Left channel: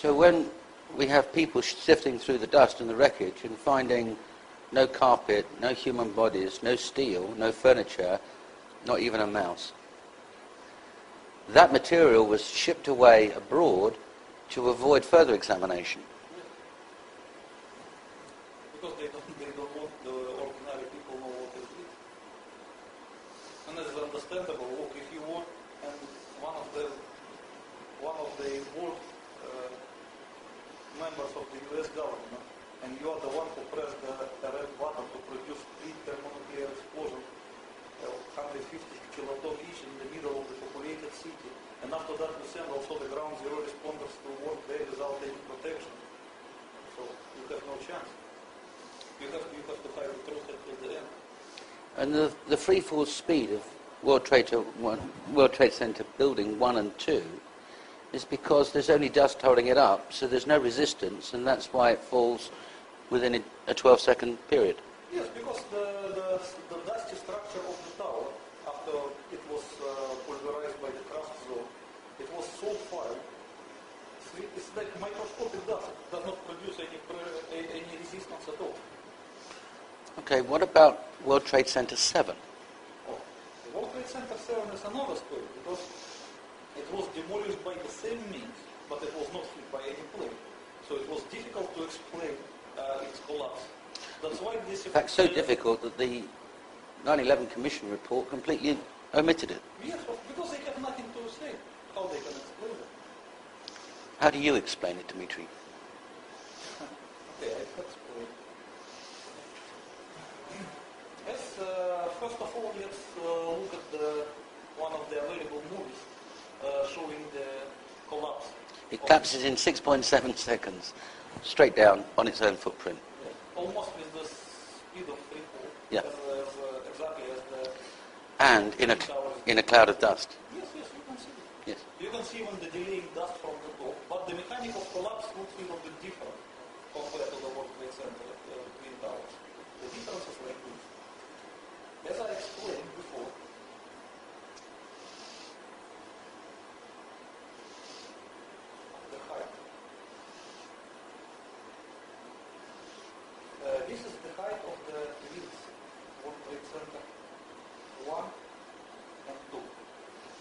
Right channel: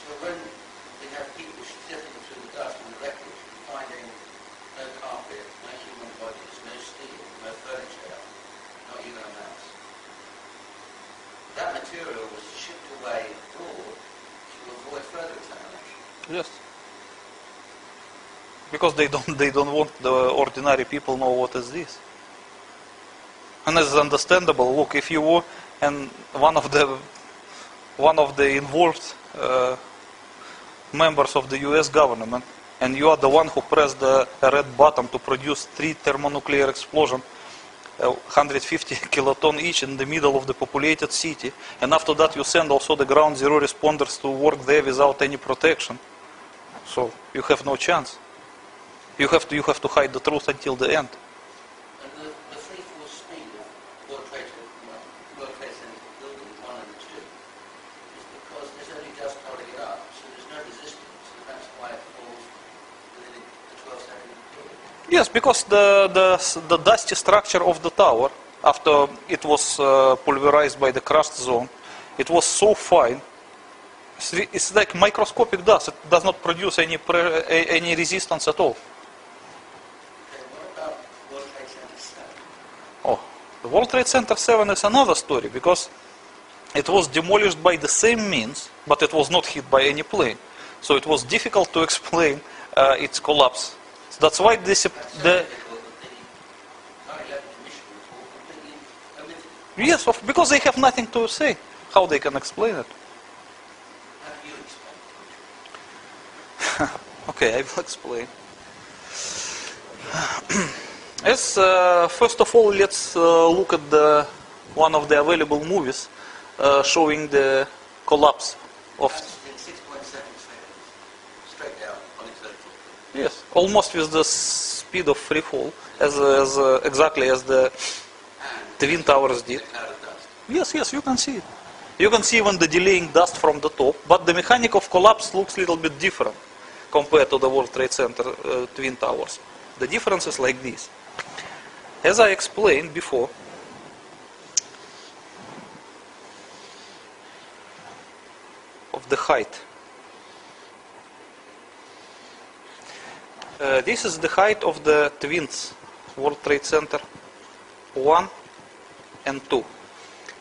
So when we have people sifting through the dust and the wreckage and finding no carpet, no human bodies, no steel, no furniture, not even a mouse, that material was shipped away abroad to avoid further examination. Yes. Because they don't want the ordinary people know what is this. And it's understandable. Look, if you were and one of the involved members of the US government, and you are the one who pressed the red button to produce 3 thermonuclear explosions, 150 kiloton each in the middle of the populated city, and after that you send also the ground zero responders to work there without any protection. So you have no chance. You have to hide the truth until the end. And the free fall speed of World Trade Center building 1 and 2 is because there's only dust holding it up, so there's no resistance, and that's why it falls within a 12-second period. Yes, because the dusty structure of the tower, after it was pulverized by the crushed zone, it was so fine. It's like microscopic dust. It does not produce any resistance at all. Okay, what about World Trade Center 7? Oh, the World Trade Center 7 is another story, because it was demolished by the same means, but it was not hit by any plane. So it was difficult to explain its collapse. That's why this... That's so difficult that the 9/11 Commission report completely omitted it. Yes, because they have nothing to say. How they can explain it? How do you explain it, Dimitri? Okay, I will explain. First of all, let's look at one of the available movies showing the collapse. It collapses in 6.7 seconds, straight down on its own footprint. Yes, almost with the speed of free fall, yeah. Exactly as the Twin Towers did. In a cloud of dust. Yes, you can see it. Yes. You can see even the delaying dust from the top, but the mechanic of collapse looks a little bit different compared to the World Trade Center Twin Towers. The difference is like this. As I explained before, of the height. This is the height of the twins, World Trade Center 1 and 2.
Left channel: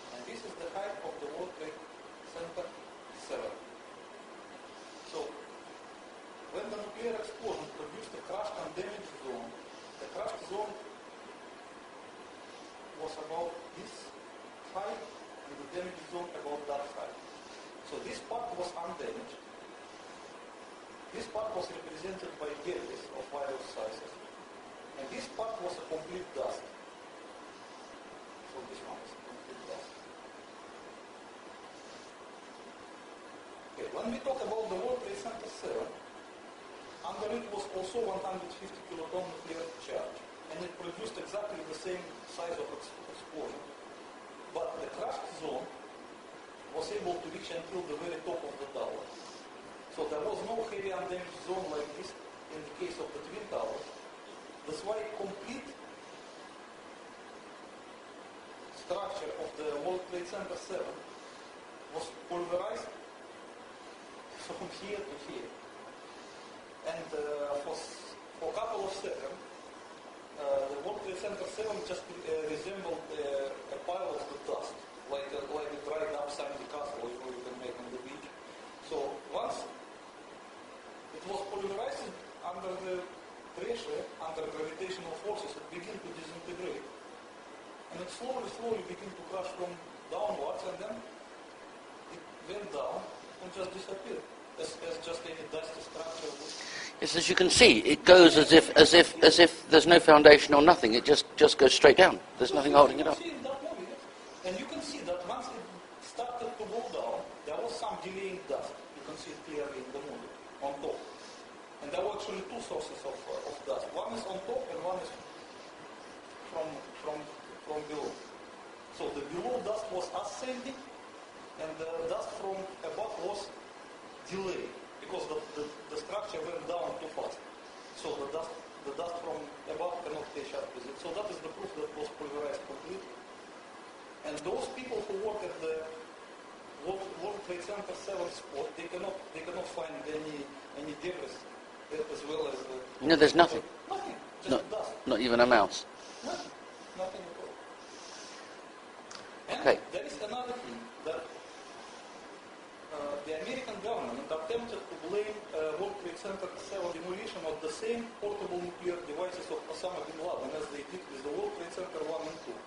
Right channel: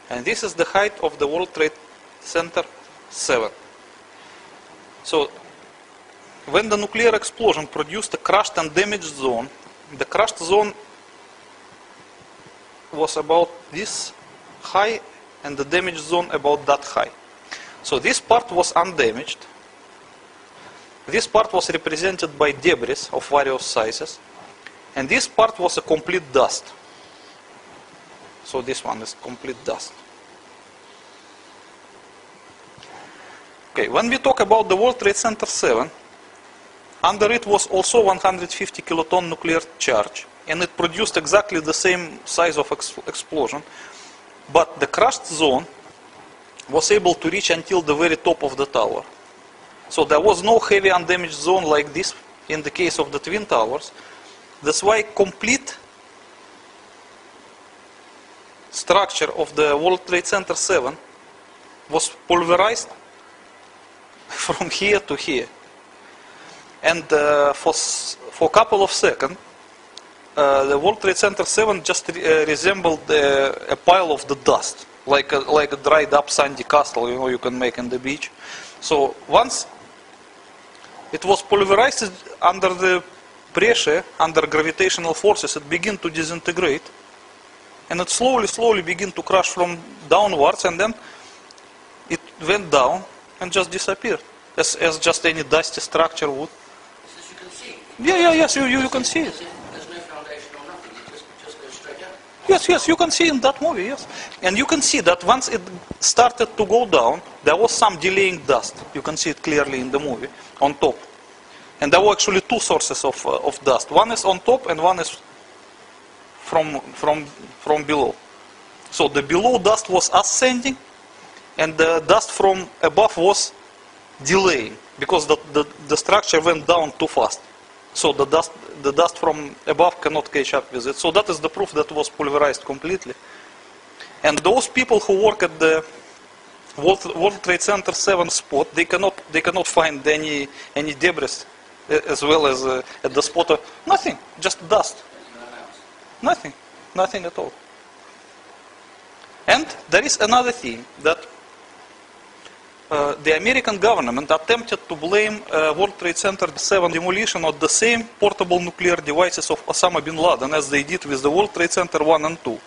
And this is the height of the World Trade Center 7. So, when the nuclear explosion produced a crushed and damaged zone, the crushed zone was about this high and the damaged zone about that high. So this part was undamaged. This part was represented by debris of various sizes. And this part was a complete dust. So this one is complete dust. Okay, when we talk about the World Trade Center 7, under it was also 150 kiloton nuclear charge, and it produced exactly the same size of explosion, but the crushed zone was able to reach until the very top of the tower. So there was no heavy undamaged zone like this in the case of the Twin Towers. That's why complete structure of the World Trade Center 7 was pulverized from here to here. And for a couple of seconds, the World Trade Center 7 just resembled a pile of the dust, like a dried up sandy castle, you can make in the beach. So once it was pulverized under the pressure, under gravitational forces, it began to disintegrate, and it slowly began to crash from downwards, and then it went down and just disappeared, as just any dusty structure would. Yes, as you can see, it goes as if there's no foundation or nothing. It just goes straight down. Yes, you can see in that movie, yes. And you can see that once it started to go down, there was some delaying dust. You can see it clearly in the movie, on top. And there were actually two sources of dust. One is on top and one is from below. So the below dust was ascending, and the dust from above was delaying, because the structure went down too fast. So the dust from above cannot catch up with it. So that is the proof that it was pulverized completely. And those people who work at the World Trade Center 7 spot, they cannot find any debris as well as at the spot. Nothing, just dust. Not even a mouse. Nothing at all. And there is another thing that the American government attempted to blame World Trade Center 7 demolition on the same portable nuclear devices of Osama bin Laden as they did with the World Trade Center 1 and 2.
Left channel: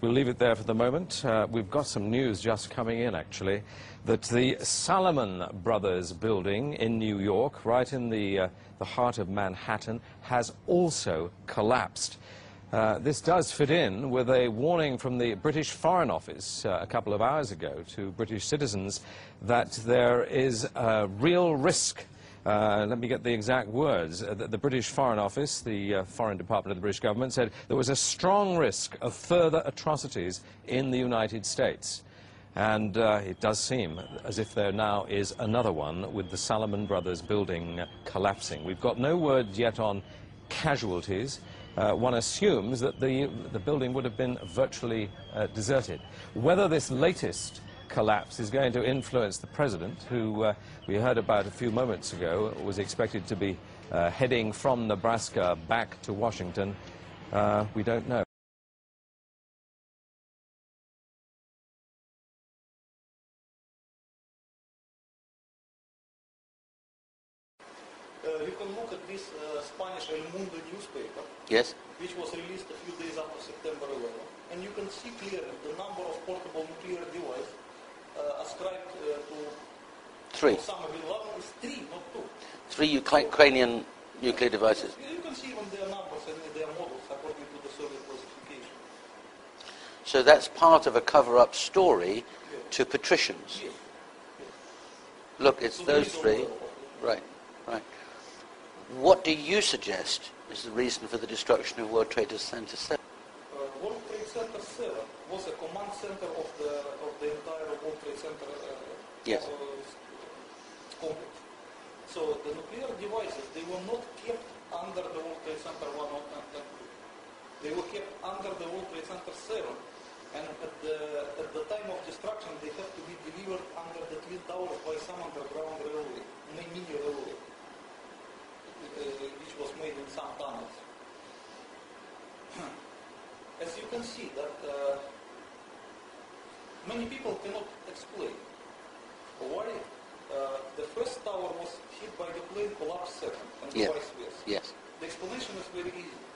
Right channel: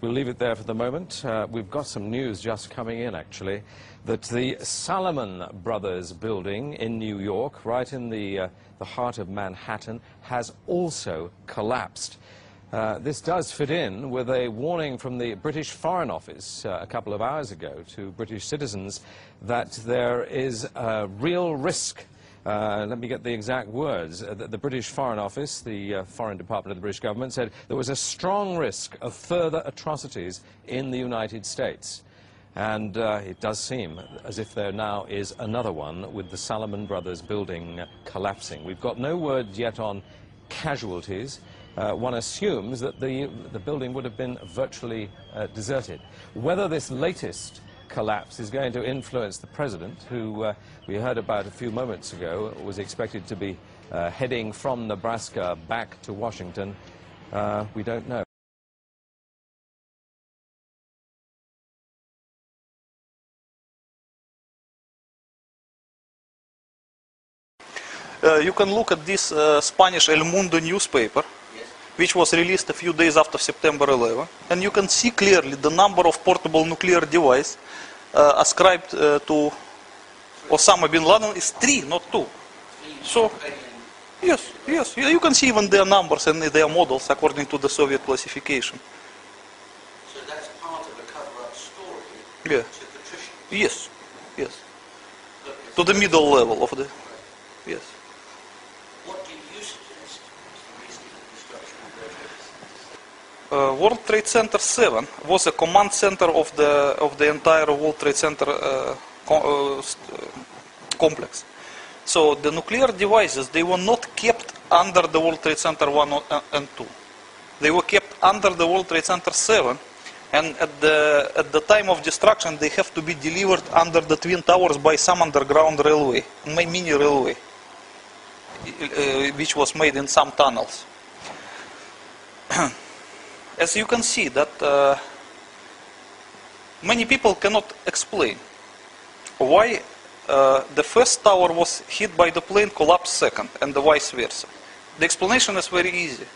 We'll leave it there for the moment. We've got some news just coming in, actually, that the Salomon Brothers building in New York, right in the heart of Manhattan, has also collapsed. This does fit in with a warning from the British Foreign Office a couple of hours ago to British citizens that there is a real risk. Let me get the exact words. The British Foreign Office, the Foreign Department of the British government, said there was a strong risk of further atrocities in the United States. And it does seem as if there now is another one with the Salomon Brothers building collapsing. We've got no word yet on casualties. One assumes that the building would have been virtually deserted. Whether this latest collapse is going to influence the president, who we heard about a few moments ago, was expected to be heading from Nebraska back to Washington, we don't know. You can look at this Spanish El Mundo newspaper, Yes. which was released a few days after September 11, and you can see clearly the number of portable nuclear devices ascribed to 3. Osama bin Laden is 3, not 2. 3 So- Ukrainian Yes, nuclear devices. yes, you can see even their numbers and their models according to the Soviet classification. So that's part of a cover-up story Yeah. to patricians. Yes, yes. Look, it's To the middle totally- level of the... Right. Yes. What do you suggest is the reason for the destruction of World Trade Center 7? World Trade Center 7 was a command center of the entire World Trade Center complex. So the nuclear devices, they were not kept under the World Trade Center 1 and 2. They were kept under the World Trade Center 7, and at the time of destruction, they have to be delivered under the Twin Towers by some underground railway, mini railway, which was made in some tunnels. As you can see, that many people cannot explain why the first tower was hit by the plane, collapsed second, and the vice versa. Yes. The explanation is very easy.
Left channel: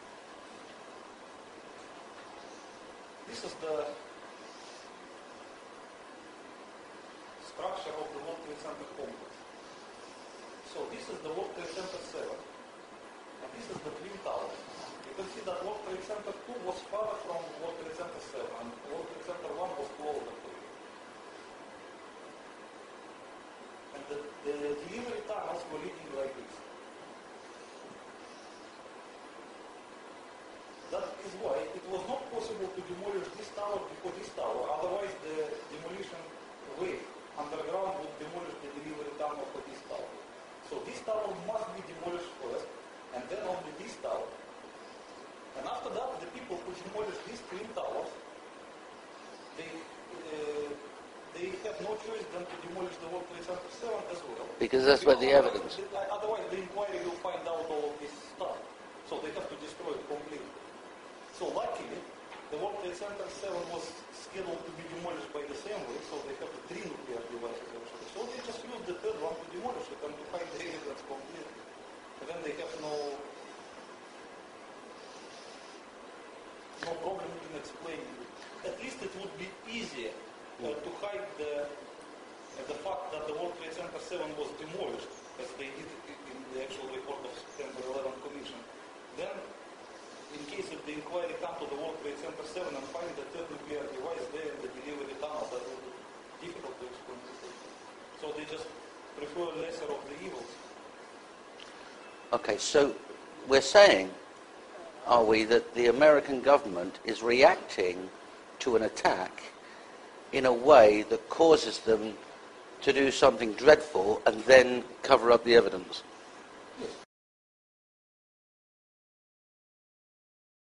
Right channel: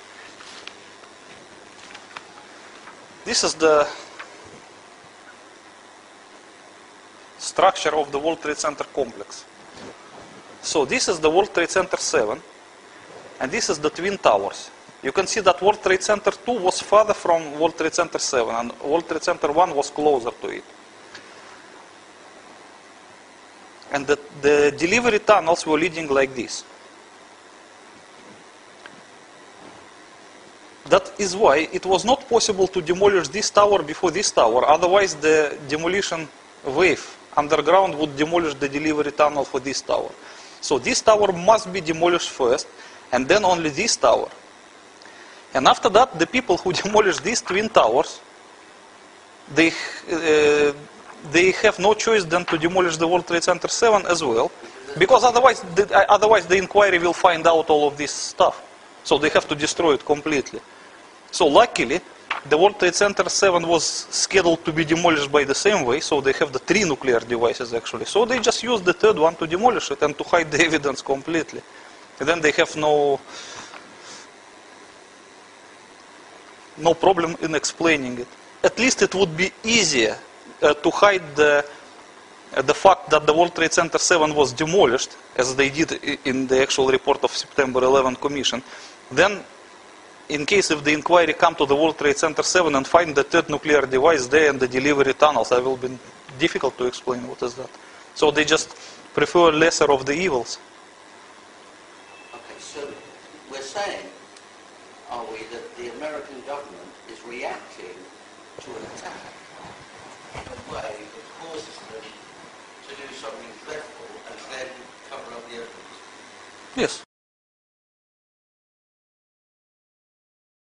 This is the structure of the World Trade Center complex. So this is the World Trade Center 7, and this is the Twin Towers. You can see that World Trade Center 2 was further from World Trade Center 7, and World Trade Center 1 was closer to it. And the delivery tunnels were leading like this. That is why it was not possible to demolish this tower before this tower. Otherwise, the demolition wave underground would demolish the delivery tunnel for this tower. So this tower must be demolished first, and then only this tower. And after that, the people who demolished these twin towers, they have no choice than to demolish the World Trade Center 7 as well. Because otherwise the inquiry will find out all of this stuff. So they have to destroy it completely. So luckily, the World Trade Center 7 was scheduled to be demolished by the same way, so they have the 3 nuclear devices actually. So they just used the third one to demolish it and to hide the evidence completely. And then they have no problem in explaining it. At least it would be easier to hide the fact that the World Trade Center 7 was demolished, as they did in the actual report of September 11 Commission. Then, in case if the inquiry come to the World Trade Center 7 and find the third nuclear device there in the delivery tunnels, it will be difficult to explain what is that. So they just prefer lesser of the evils. Okay, so we're saying, are we, that the American government is reacting to an attack in a way that causes them to do something dreadful and then cover up the evidence? Yes.